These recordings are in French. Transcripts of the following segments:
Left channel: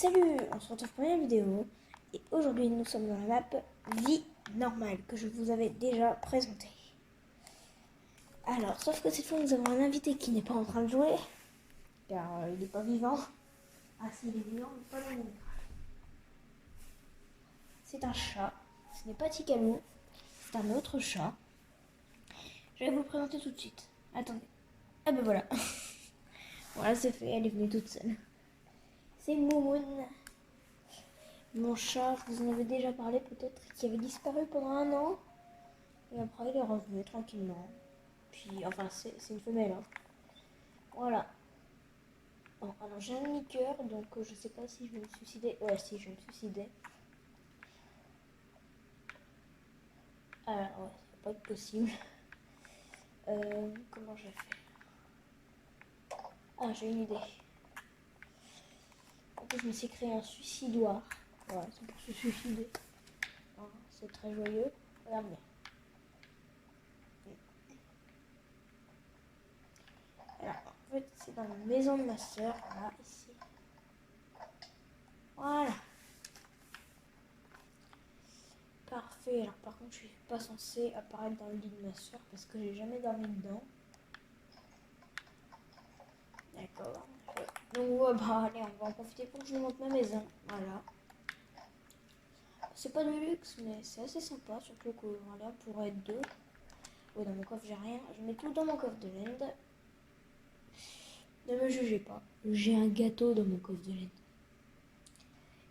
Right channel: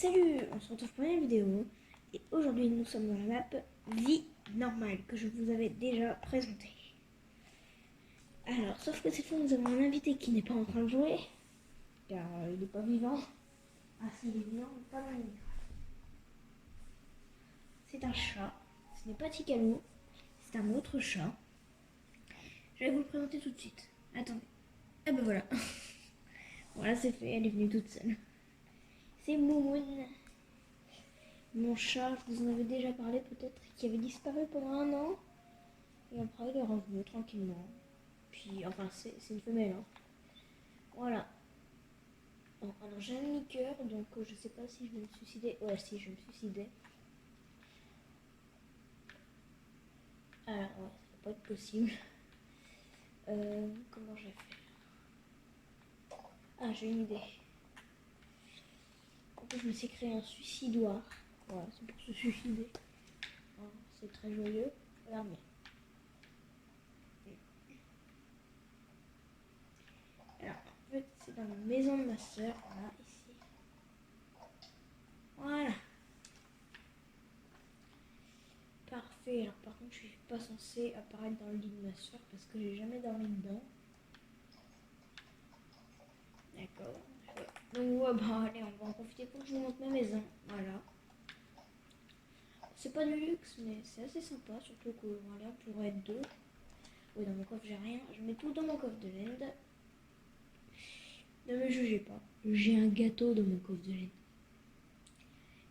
Salut, on se retrouve pour une vidéo et aujourd'hui nous sommes dans la map Vie normale que je vous avais déjà présentée. Alors, sauf que cette fois nous avons un invité qui n'est pas en train de jouer car il n'est pas vivant. Ah si, il est vivant, mais pas dans les murs. C'est un chat, ce n'est pas Tikalou, c'est un autre chat. Je vais vous le présenter tout de suite. Attendez. Ah ben voilà. Voilà, c'est fait, elle est venue toute seule. C'est Moumoun. Mon chat, je vous en avais déjà parlé peut-être, qui avait disparu pendant 1 an. Et après, il est revenu tranquillement. Puis, enfin, c'est une femelle. Hein. Voilà. Bon, alors, j'ai un mini-cœur, donc je sais pas si je vais me suicider. Ouais, si, je vais me suicider. Alors, ouais, ça va pas être possible. Comment je vais faire? Ah, j'ai une idée. En plus, je me suis créé un suicidoire. Voilà, c'est pour se suicider. Hein, c'est très joyeux. Regardez. Alors, en fait, c'est dans la maison de ma soeur. Voilà, ici. Voilà. Parfait. Alors, par contre, je suis pas censée apparaître dans le lit de ma soeur parce que j'ai jamais dormi dedans. D'accord. Donc, ouais, bah, allez, on va en profiter pour que je vous montre ma maison. Voilà. C'est pas du luxe, mais c'est assez sympa. Surtout qu'on pourrait être deux. Ouais, dans mon coffre, j'ai rien. Je mets tout dans mon coffre de laine. Ne me jugez pas. J'ai un gâteau dans mon coffre de laine.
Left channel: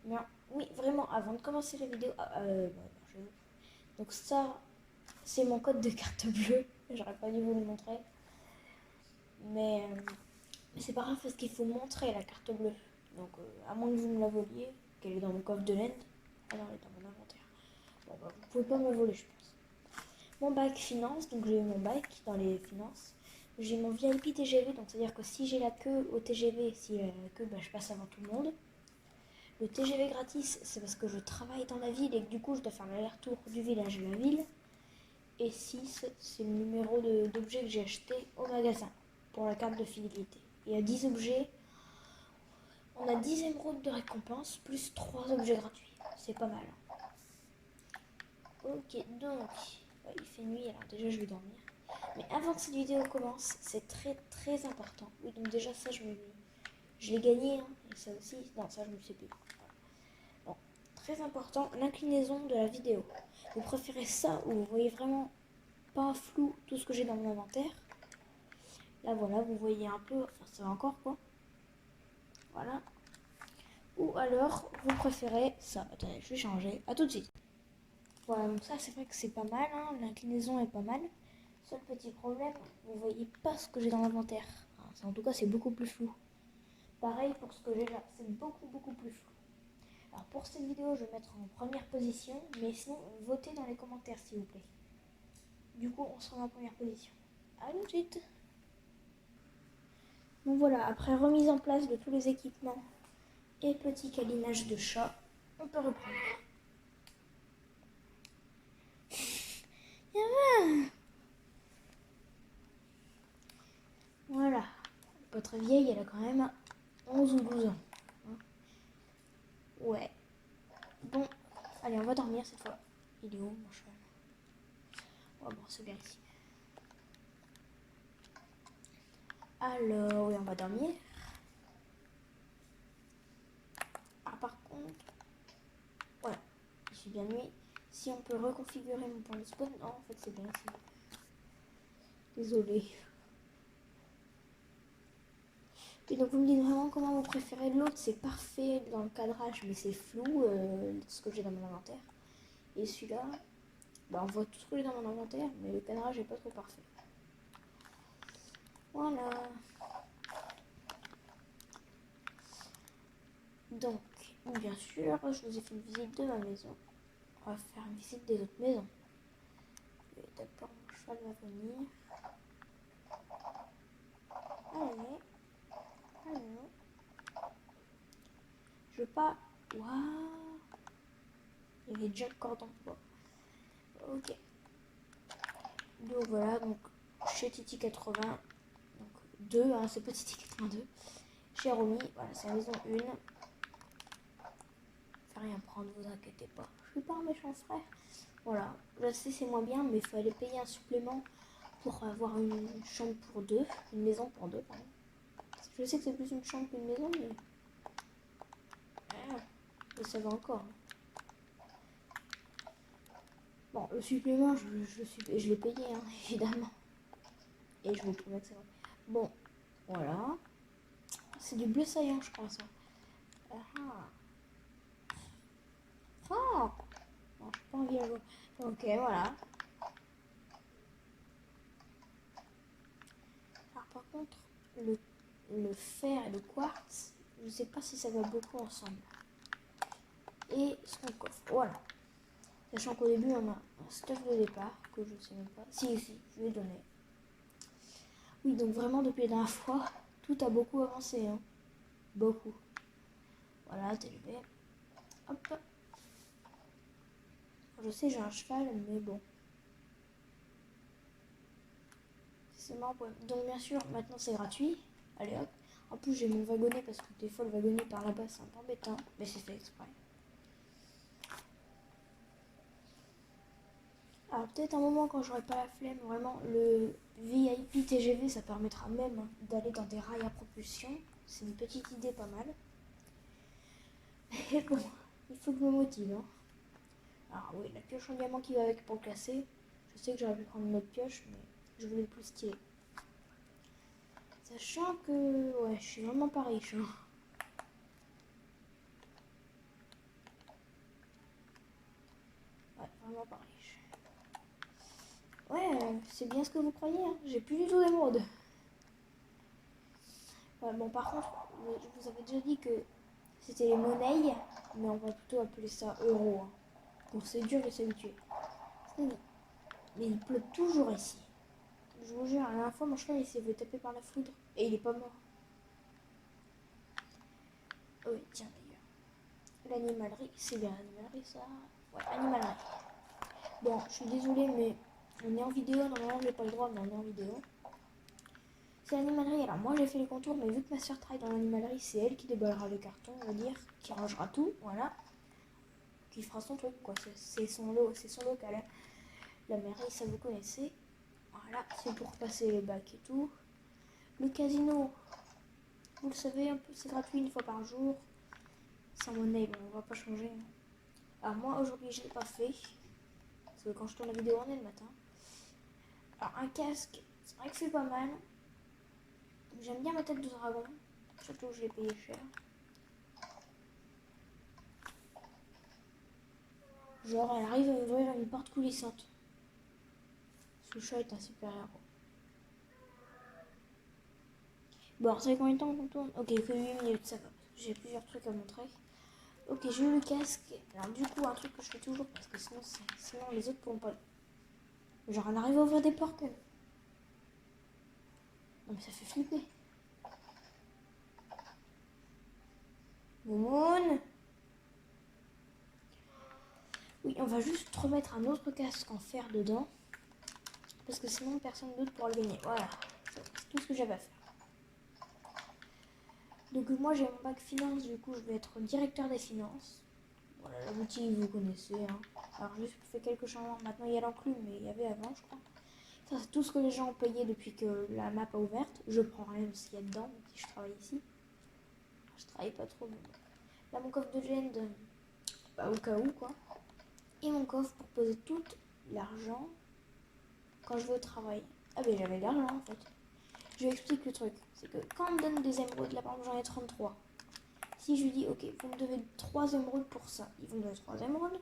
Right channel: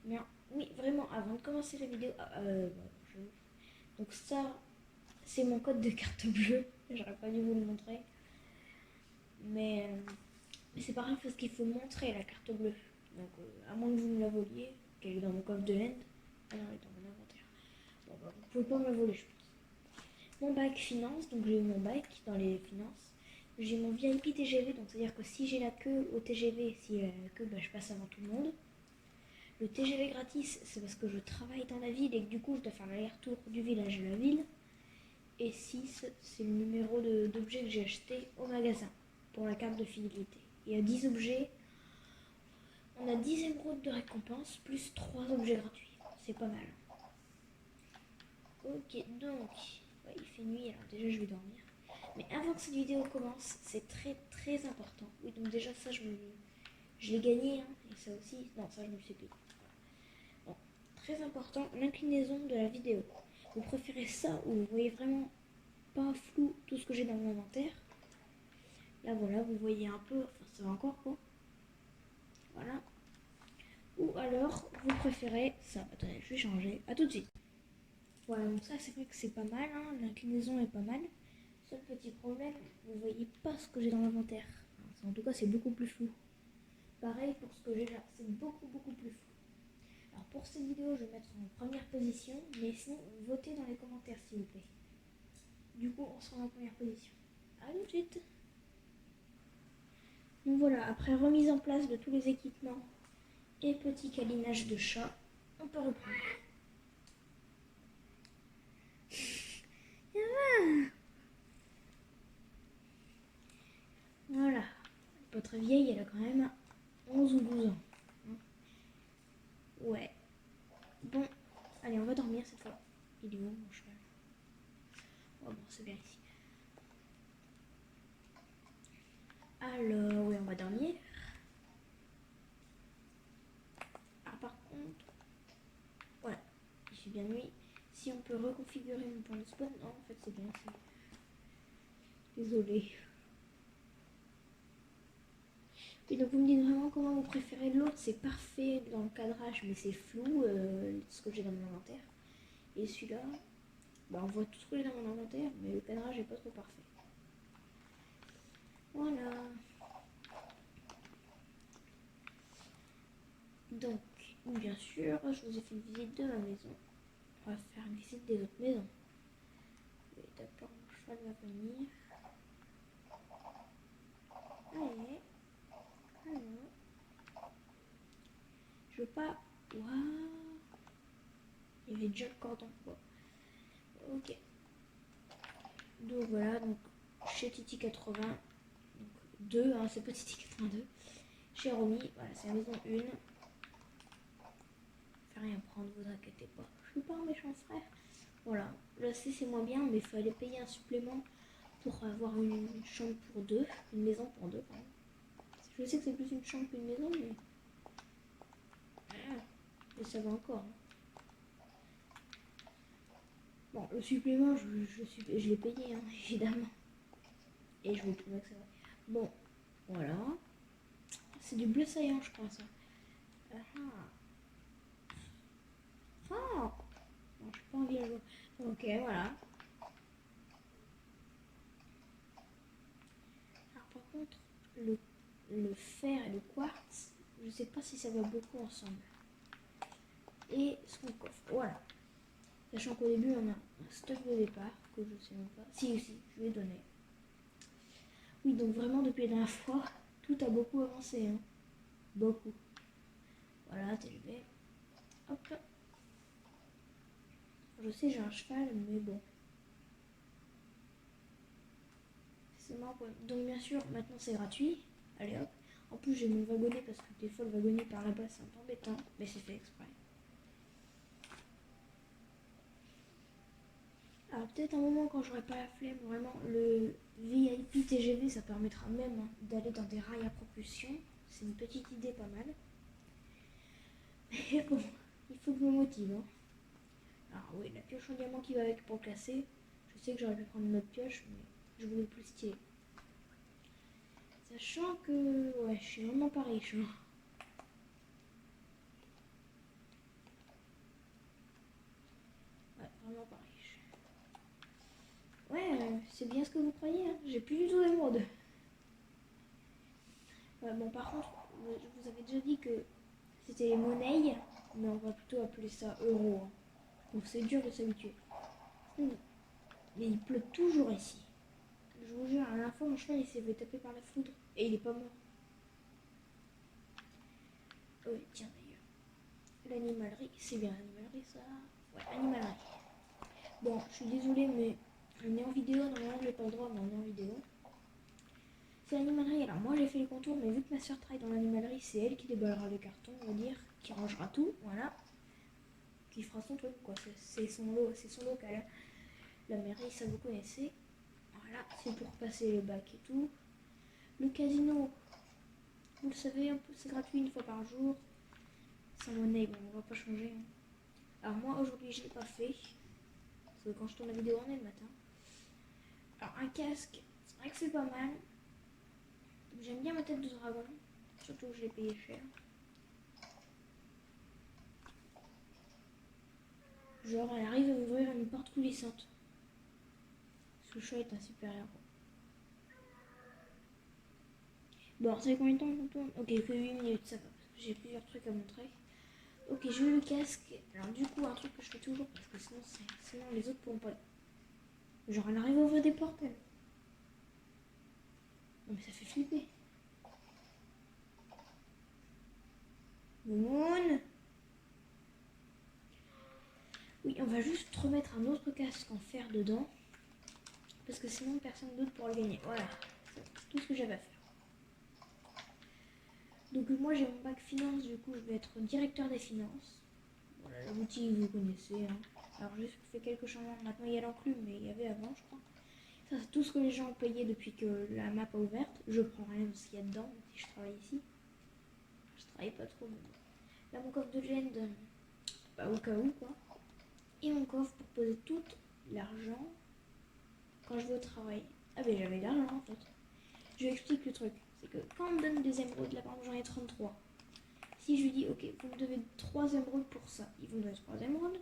Mais oui, vraiment, avant de commencer la vidéo. Donc, ça, c'est mon code de carte bleue. J'aurais pas dû vous le montrer. Mais c'est pas grave parce qu'il faut montrer la carte bleue. Donc, à moins que vous me la voliez, qu'elle est dans mon coffre de laine. Ah non, elle est dans mon inventaire. Bon, bah, vous pouvez pas me la voler, je pense. Mon bac finance, donc j'ai eu mon bac dans les finances. J'ai mon VIP TGV, donc c'est-à-dire que si j'ai la queue au TGV, si la queue, bah, je passe avant tout le monde. Le TGV gratis, c'est parce que je travaille dans la ville et que du coup, je dois faire l'aller-retour du village à la ville. Et 6, c'est le numéro d'objet que j'ai acheté au magasin pour la carte de fidélité. Et à 10 objets, on a 10 émeraudes de récompense plus 3 objets gratuits. C'est pas mal. Ok, donc, il fait nuit, alors déjà je vais dormir. Mais avant que cette vidéo commence, c'est très important. Oui, donc déjà ça, je l'ai gagné, hein, et ça aussi, non, ça je me le sais plus. Bon, très important, l'inclinaison de la vidéo. Vous préférez ça ou vous voyez vraiment pas flou tout ce que j'ai dans mon inventaire? Là voilà, vous voyez un peu, enfin ça va encore quoi. Voilà. Ou alors, vous préférez ça. Attendez, je vais changer. A tout de suite. Voilà, donc ça c'est vrai que c'est pas mal, hein. L'inclinaison est pas mal. Seul petit problème, vous voyez pas ce que j'ai dans l'inventaire. En tout cas, c'est beaucoup plus flou. Pareil pour ce que j'ai là, c'est beaucoup plus flou. Alors pour cette vidéo, je vais mettre en première position, mais sinon, votez dans les commentaires s'il vous plaît. Du coup, on sera en première position. A tout de suite. Donc voilà, après remise en place de tous les équipements et petit câlinage de chat, on peut reprendre. Voilà, pas très vieille, elle a quand même 11 ou 12 ans. Ouais. Bon, allez, on va dormir cette fois. Il est où mon cheval? Oh bon, c'est bien ici. Alors, oui, on va dormir. Ah, par contre, voilà, il fait bien nuit. Si on peut reconfigurer mon point de spawn, non, en fait, c'est bien ici. Désolée. Et donc vous me dites vraiment comment vous préférez. L'autre c'est parfait dans le cadrage mais c'est flou ce que j'ai dans mon inventaire. Et celui-là, bah, on voit tout ce que j'ai dans mon inventaire mais le cadrage est pas trop parfait. Voilà. Donc, bien sûr, je vous ai fait une visite de ma maison. On va faire une visite des autres maisons. D'abord, mon cheval va venir. Allez. Allez. Je veux pas... Waouh. Il y avait déjà le cordon. Bon. Ok. Donc voilà, donc chez Titi 80, donc 2, hein, c'est pas Titi 82. Chez Romy, voilà, c'est la maison 1. fait rien prendre, vous inquiétez pas. Je suis pas un méchant frère. Voilà, je sais c'est moins bien, mais il fallait payer un supplément pour avoir une chambre pour deux, une maison pour deux, pardon. Je sais que c'est plus une chambre qu'une maison, mais ça va encore. Bon, le supplément, je l'ai payé, hein, évidemment. Et je vous promets que c'est vrai. Bon, voilà. C'est du bleu saillant, je crois, ça. Ah. Non, j'ai pas envie de jouer. Ok, voilà. Alors, par contre, le fer et le quartz, je sais pas si ça va beaucoup ensemble. Et son coffre, voilà. Sachant qu'au début, on a un stock de départ, que je sais même pas. Si, je lui ai donné. Oui, donc vraiment, depuis la dernière fois, tout a beaucoup avancé, hein. Beaucoup. Voilà, TGV. Hop. Je sais, j'ai un cheval, mais bon. C'est marrant. Donc, bien sûr, maintenant c'est gratuit. Allez hop. En plus, j'ai mon wagonnet parce que des fois, le wagonnet par là-bas, c'est un peu embêtant. Mais c'est fait exprès. Alors, peut-être un moment quand j'aurai pas la flemme, vraiment, le VIP TGV, ça permettra même d'aller dans des rails à propulsion. C'est une petite idée pas mal. Mais bon, il faut que je me motive. Hein. Alors, oui, la pioche en diamant qui va avec pour le classer. Je sais que j'aurais pu prendre une autre pioche, mais je voulais le plus stylé. Sachant que, ouais, je suis vraiment pas riche. Hein. Ouais, vraiment pas riche. Ouais, c'est bien ce que vous croyez. Hein. J'ai plus du tout d'émeraude. Bon, par contre, vous avez déjà dit que c'était les monnaies, mais on va plutôt appeler ça euros. Hein. Bon, c'est dur de s'habituer. Oui, mais il pleut toujours ici. Je vous jure, la dernière fois, mon cheval il s'est fait taper par la foudre et il est pas mort. Oh oui, tiens d'ailleurs. L'animalerie, c'est bien l'animalerie ça. Ouais, animalerie. Bon, je suis désolée, mais on est en vidéo. Normalement, j'ai pas le droit, mais on est en vidéo. C'est l'animalerie. Alors, moi, j'ai fait les contours, mais vu que ma soeur travaille dans l'animalerie, c'est elle qui déballera les cartons, on va dire, qui rangera tout, voilà. Qui fera son truc, quoi. C'est son lot, c'est son local. Hein. La mairie, ça vous connaissez. Voilà, c'est pour passer les bacs et tout. Le casino, vous le savez, un peu, c'est gratuit une fois par jour. Sans monnaie, bon, on va pas changer. Alors moi, aujourd'hui, je l'ai pas fait. Parce que quand je tourne la vidéo, on est le matin. Alors, un casque, c'est vrai que c'est pas mal. J'aime bien ma tête de dragon. Surtout que je l'ai payé cher. Genre, elle arrive à ouvrir une porte coulissante. Ce chat est un super héros. Bon, ça fait combien de temps qu'on tourne? Ok, que 8 minutes, ça va. J'ai plusieurs trucs à montrer. Ok, j'ai eu le casque. Alors du coup, un truc que je fais toujours, parce que sinon les autres pourront pas... Genre, elle arrive à ouvrir des portes. Non mais ça fait flipper. Moon. Oui, on va juste remettre un autre casque en fer dedans. Parce que sinon, personne d'autre pourra le gagner. Voilà, c'est tout ce que j'avais à faire. Donc moi, j'ai mon bac finance, du coup, je vais être directeur des finances. Voilà, la boutique, vous connaissez. Hein. Alors, j'ai fait quelques changements. Maintenant, il y a l'enclume, mais il y avait avant, je crois. Ça, c'est tout ce que les gens ont payé depuis que la map a ouverte. Je prends rien de ce qu'il y a dedans, si je travaille ici. Je travaille pas trop, mais... Là, mon coffre de légende, bah, au cas où, quoi. Et mon coffre pour poser tout l'argent quand je vais au travail. Ah ben j'avais l'argent en fait. Je lui explique le truc. C'est que quand on me donne des émeraudes, là par exemple j'en ai 33. Si je lui dis ok, vous me devez 3 émeraudes pour ça, ils vont me donner 3 émeraudes.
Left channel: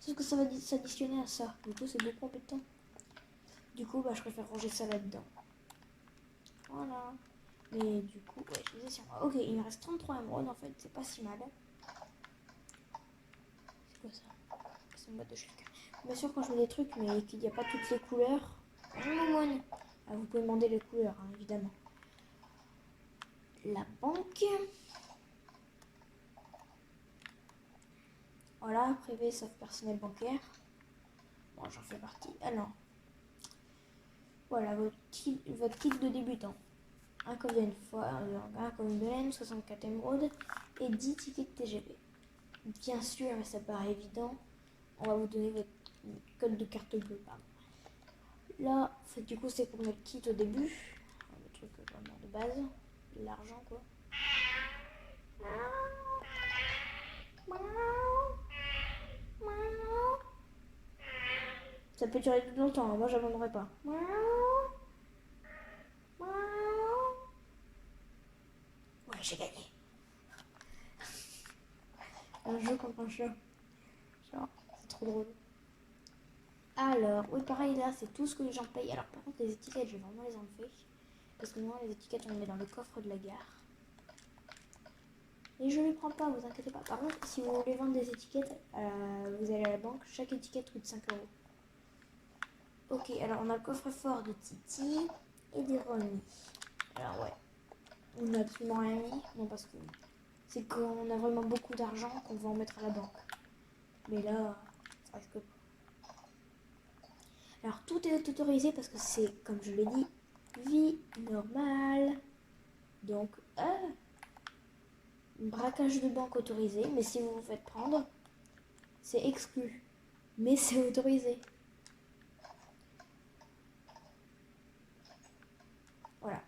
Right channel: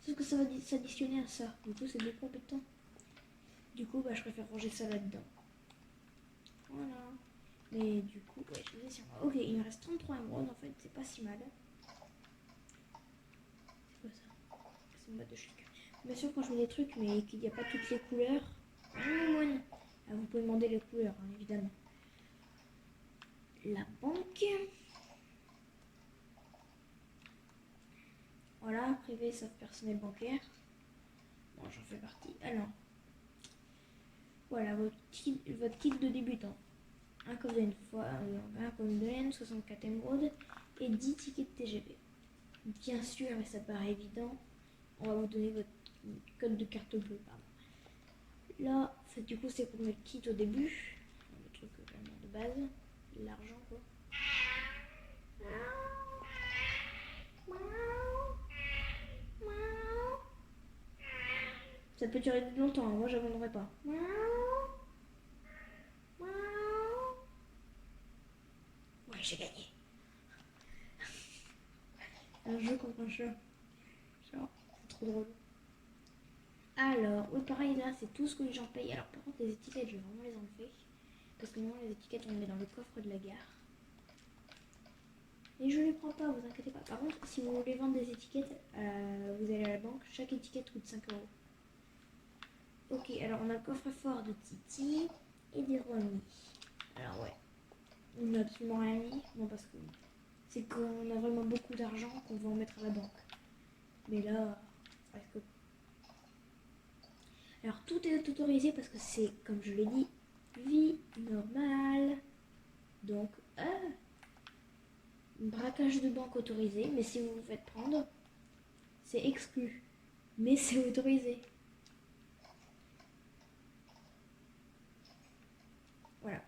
Sauf que ça va s'additionner à ça. Du coup c'est beaucoup embêtant. Du coup bah je préfère ranger ça là-dedans. Voilà. Mais du coup, ouais, je disais sur moi. Ok, il me reste 33 émeraudes en fait, c'est pas si mal. C'est quoi ça? C'est une boîte de chèques. Bien sûr quand je mets des trucs mais qu'il n'y a pas toutes les couleurs. Ah, vous pouvez demander les couleurs, hein, évidemment. La banque. Voilà, privé sauf personnel bancaire. Bon, j'en fais partie. Alors, voilà votre kit de débutant. Un coffre de laine, 64 émeraudes et 10 tickets de TGV. Bien sûr, mais ça paraît évident. On va vous donner votre code de carte bleue. Pardon. Là, du coup, c'est pour notre kit au début. Le truc vraiment de base. De l'argent, quoi. Ça peut durer longtemps, moi j'abandonnerai pas. Ouais, j'ai gagné. Un jeu contre un chat. Genre, c'est trop drôle. Alors, oui, pareil, là, c'est tout ce que les gens payent. Alors, par contre, les étiquettes, je vais vraiment les enlever. Parce que moi, les étiquettes, on les met dans le coffre de la gare. Et je les prends pas, vous inquiétez pas. Par contre, si vous voulez vendre des étiquettes, vous allez à la banque, chaque étiquette coûte 5 euros. Ok, alors on a le coffre-fort de Titi et des Romy. Alors, ouais, on n'a absolument rien mis. Non, parce que c'est qu'on a vraiment beaucoup d'argent qu'on va en mettre à la banque. Mais là, ça risque pas. Alors tout est autorisé parce que c'est, comme je l'ai dit, vie normale. Donc, braquage de banque autorisé, mais si vous vous faites prendre, c'est exclu. Mais c'est autorisé. Voilà.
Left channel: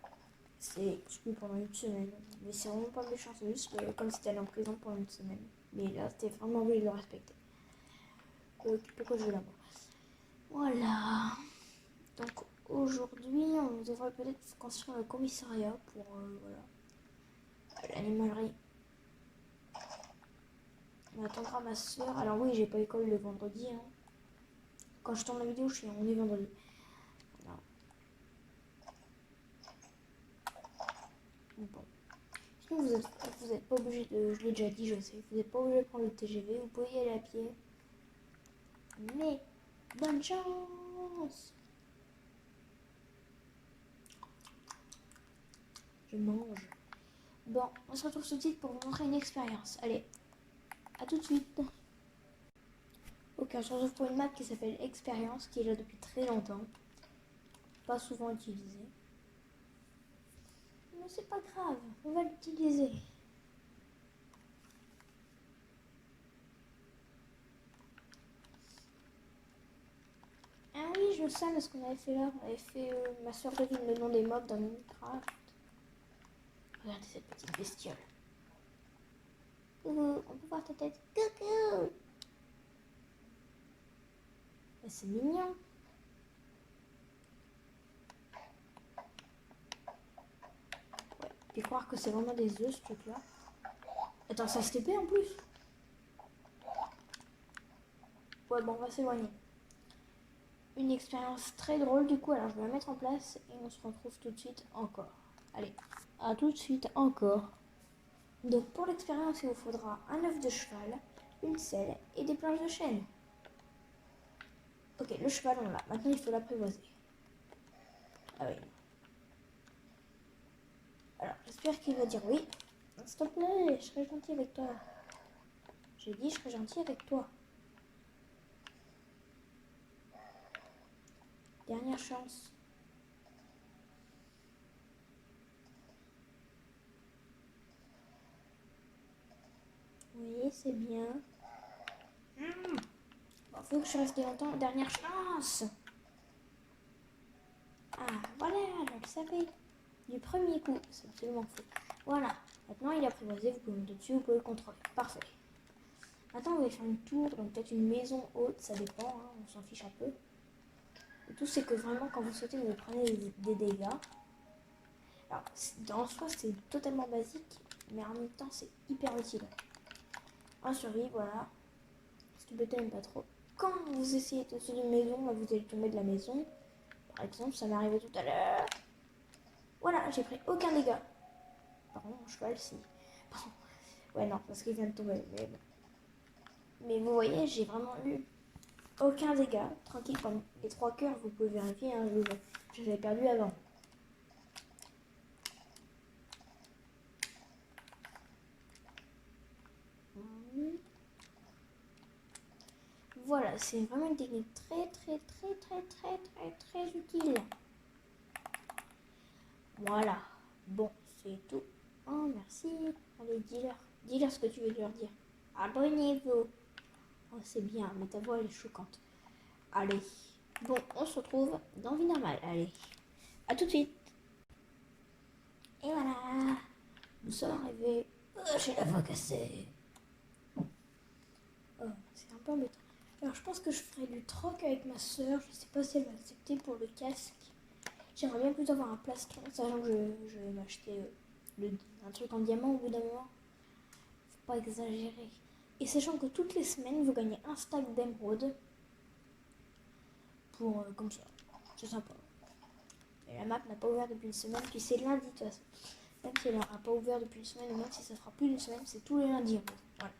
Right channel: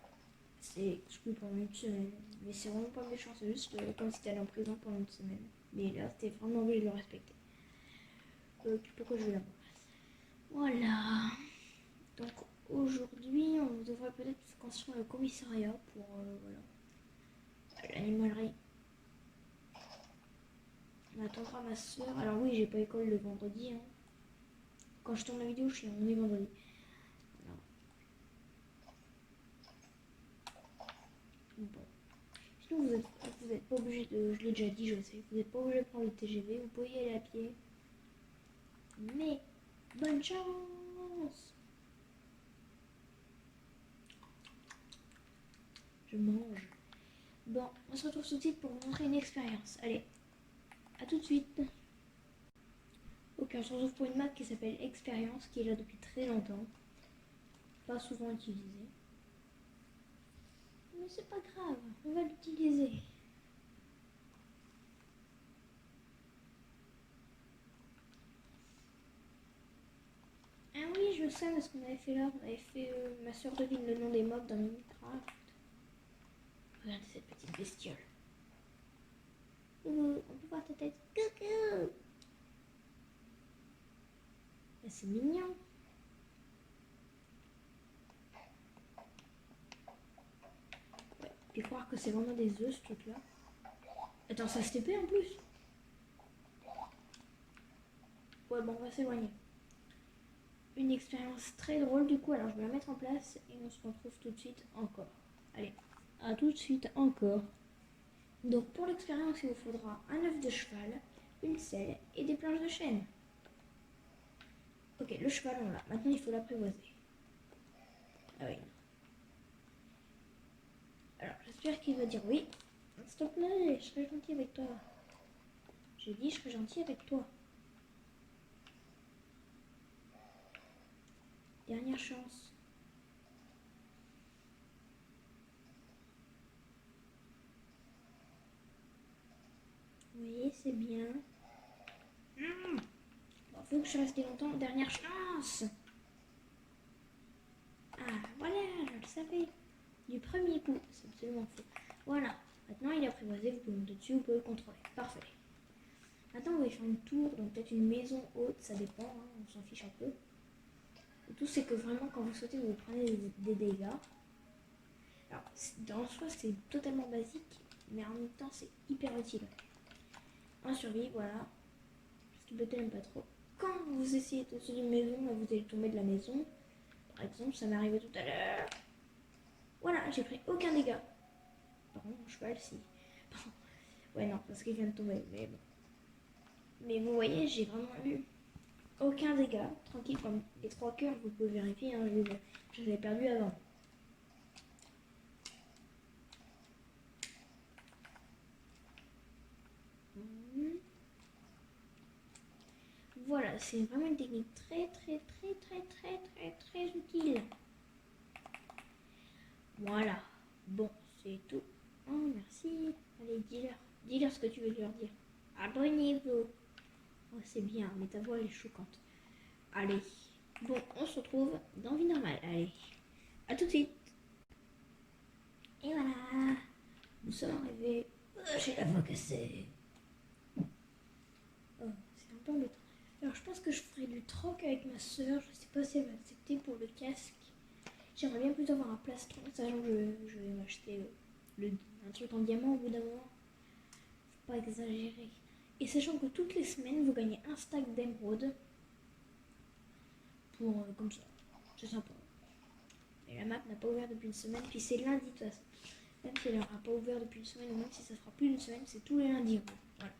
C'est exclu pendant une semaine. Mais c'est vraiment pas méchant, c'est juste comme si t'allais en prison pendant une semaine. Mais là, c'était vraiment obligé de le respecter. Pourquoi je veux l'avoir? Voilà. Donc aujourd'hui, on devrait peut-être construire le commissariat pour voilà, l'animalerie. On attendra ma soeur. Alors oui, j'ai pas école le vendredi. Hein. Quand je tourne la vidéo, on est vendredi. Alors. Bon. Sinon, vous êtes pas obligé de. Je l'ai déjà dit, je sais. Vous n'êtes pas obligé de prendre le TGV. Vous pouvez y aller à pied. Mais bonne chance. Je mange. Bon, on se retrouve tout de suite pour vous montrer une expérience. Allez, à tout de suite. Ok, on se retrouve pour une map qui s'appelle Expérience, qui est là depuis très longtemps. Pas souvent utilisée. Mais c'est pas grave, on va l'utiliser. Ah oui, je sais, mais ce qu'on avait fait là, on avait fait ma soeur devine le nom des mobs dans Minecraft. Regardez cette petite bestiole. On peut voir ta tête. Coucou. C'est mignon. Ouais. Puis croire que c'est vraiment des œufs ce truc là. Attends, ça se TP en plus. Ouais, bon, on va s'éloigner. Une expérience très drôle du coup, alors je vais la mettre en place et on se retrouve tout de suite encore. Allez, à tout de suite encore. Donc pour l'expérience, il vous faudra un œuf de cheval, une selle et des planches de chêne. Ok, le cheval on l'a. Maintenant il faut l'apprivoiser. Ah oui. Alors j'espère qu'il va dire oui. S'il te plaît, je serai gentil avec toi. J'ai dit je serai gentil avec toi. Dernière chance. Oui, c'est bien. Bon, faut que je reste longtemps. Dernière chance. Ah, voilà, je le savais. Du premier coup, c'est absolument fou. Voilà, maintenant il est apprivoisé, vous pouvez monter dessus, vous pouvez le contrôler. Parfait. Maintenant on va faire une tour, donc peut-être une maison haute, ça dépend, hein, on s'en fiche un peu. Le tout c'est que vraiment quand vous sautez, vous prenez des dégâts. Alors, en soi c'est totalement basique, mais en même temps c'est hyper utile. Un survie, voilà. Parce que peut-être même pas trop. Quand vous essayez de sauter d'une maison, bah, vous allez tomber de la maison. Par exemple, ça m'est arrivé tout à l'heure. Voilà, j'ai pris aucun dégât. Par contre, mon cheval, si. Ouais, non, parce qu'il vient de tomber, mais bon. Mais vous voyez, j'ai vraiment eu aucun dégât. Tranquille, comme les 3 cœurs, vous pouvez vérifier, hein, je les ai perdus avant. Voilà, c'est vraiment une technique très utile. Voilà. Bon, c'est tout. Oh, merci. Allez, dis-leur. Dis-leur ce que tu veux leur dire. Abonnez-vous. Oh, c'est bien, mais ta voix elle est choquante. Allez. Bon, on se retrouve dans Vie Normale. Allez. À tout de suite. Et voilà. Nous sommes arrivés. J'ai la voix cassée. Oh, c'est un peu embêtant. Alors, je pense que je ferai du troc avec ma soeur. Je sais pas si elle va accepter pour le casque. J'aimerais bien plutôt avoir un plastron, sachant que je vais m'acheter un truc en diamant au bout d'un moment. Faut pas exagérer. Et sachant que toutes les semaines, vous gagnez un stack d'émeraude. Pour comme ça. C'est sympa. Et la map n'a pas ouvert depuis une semaine, puis c'est lundi de toute façon. Même si elle n'aura pas ouvert depuis une semaine, ou même si ça fera plus d'une semaine, c'est tous les lundis. Voilà.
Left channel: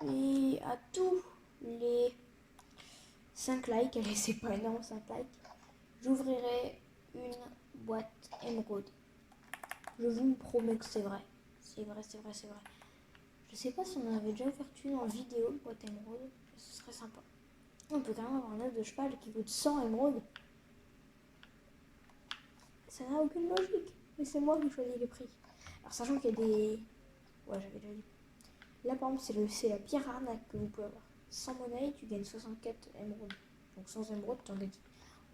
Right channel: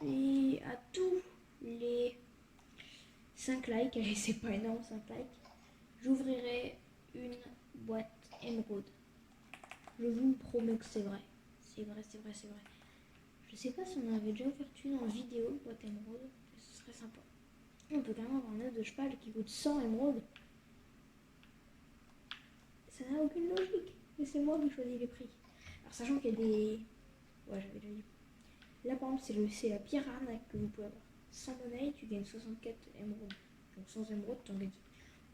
Puis à tous les 5 likes, allez c'est pas énorme 5 likes, j'ouvrirai une boîte émeraude. Je vous promets que c'est vrai. C'est vrai, c'est vrai, c'est vrai. Je sais pas si on en avait déjà ouvert une en vidéo, boîte émeraude, mais ce serait sympa. On peut quand même avoir un œuf de cheval qui coûte 100 émeraudes. Ça n'a aucune logique. Mais c'est moi qui choisis les prix. Alors sachant qu'il y a des... Ouais, j'avais déjà dit. Là par exemple c'est la pire arnaque que vous pouvez avoir. Sans monnaie, tu gagnes 64 émeraudes. Donc sans émeraudes, tu en gagnes.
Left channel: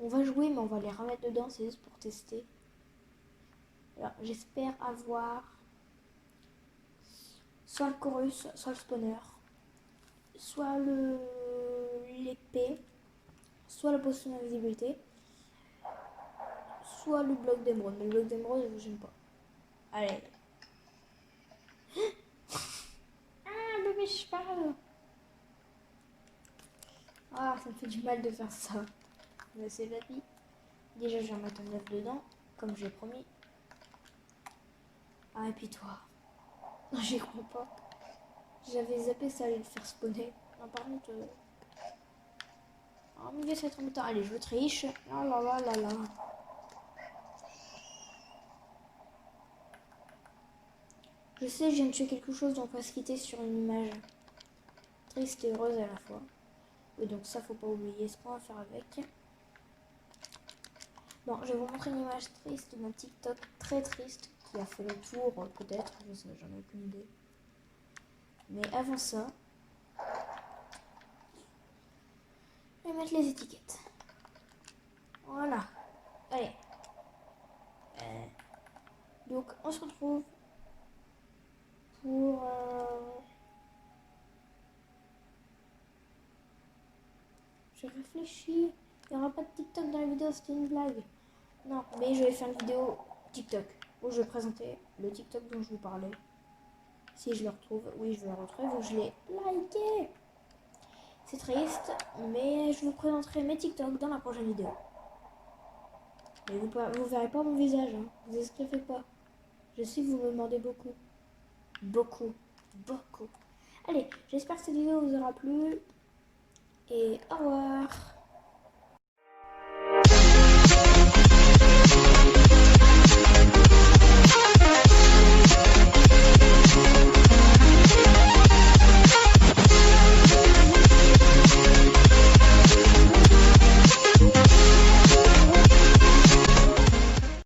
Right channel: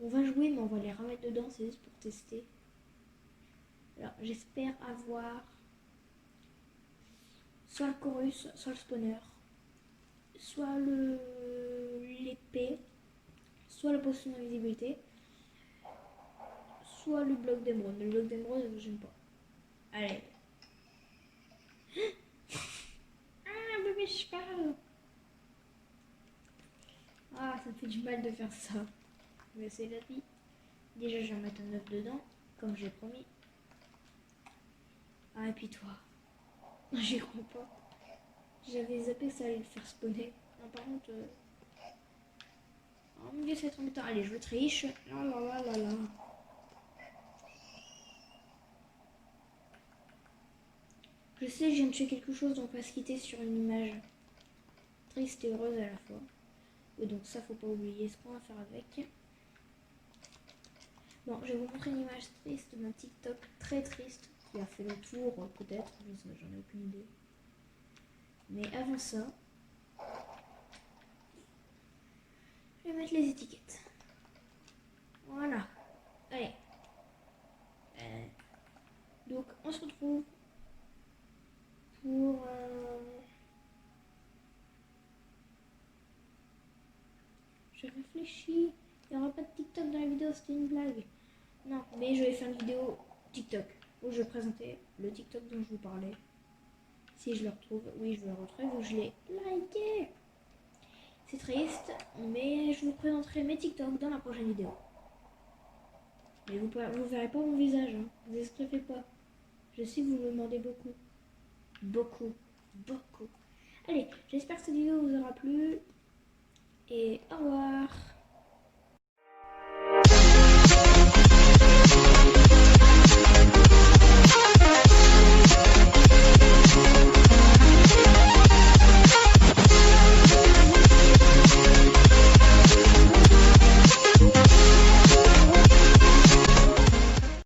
On va jouer, mais on va les remettre dedans, c'est juste pour tester. Alors j'espère avoir soit le chorus, soit le spawner, soit l'épée, soit la potion d'invisibilité, soit le bloc d'émeraude. Mais le bloc d'émeraude, j'aime pas. Allez. Ah, bébé cheval. Ah, ça me fait du mal de faire ça. Mais c'est la vie. Déjà, je vais remettre un œuf dedans, comme j'ai promis. Ah, et puis toi. Non, j'y crois pas. J'avais zappé ça allait le faire spawner. Non, par contre... Oh mon dieu, c'est trop embêtant. Allez, je le triche. Là, là, là, là, là. Je sais, je viens de tuer quelque chose, donc on va se quitter sur une image triste et heureuse à la fois. Et donc ça, faut pas oublier ce qu'on va faire avec. Bon, je vais vous montrer une image triste d'un TikTok très triste qui a fait le tour, peut-être, j'en ai aucune idée. Mais avant ça, je vais mettre les étiquettes. Voilà. Allez. Donc, on se retrouve pour... Je réfléchis. Il n'y aura pas de TikTok dans la vidéo, c'était une blague. Non, mais je vais faire une vidéo TikTok où je vais présenter le TikTok dont je vous parlais. Si je le retrouve, oui, je le retrouve, où je l'ai liké. C'est triste, mais je vous présenterai mes TikTok dans la prochaine vidéo. Mais vous verrez pas mon visage, hein. Vous inquiétez pas. Je sais que vous me demandez beaucoup. Beaucoup. Beaucoup. Allez, j'espère que cette vidéo vous aura plu. Et au revoir.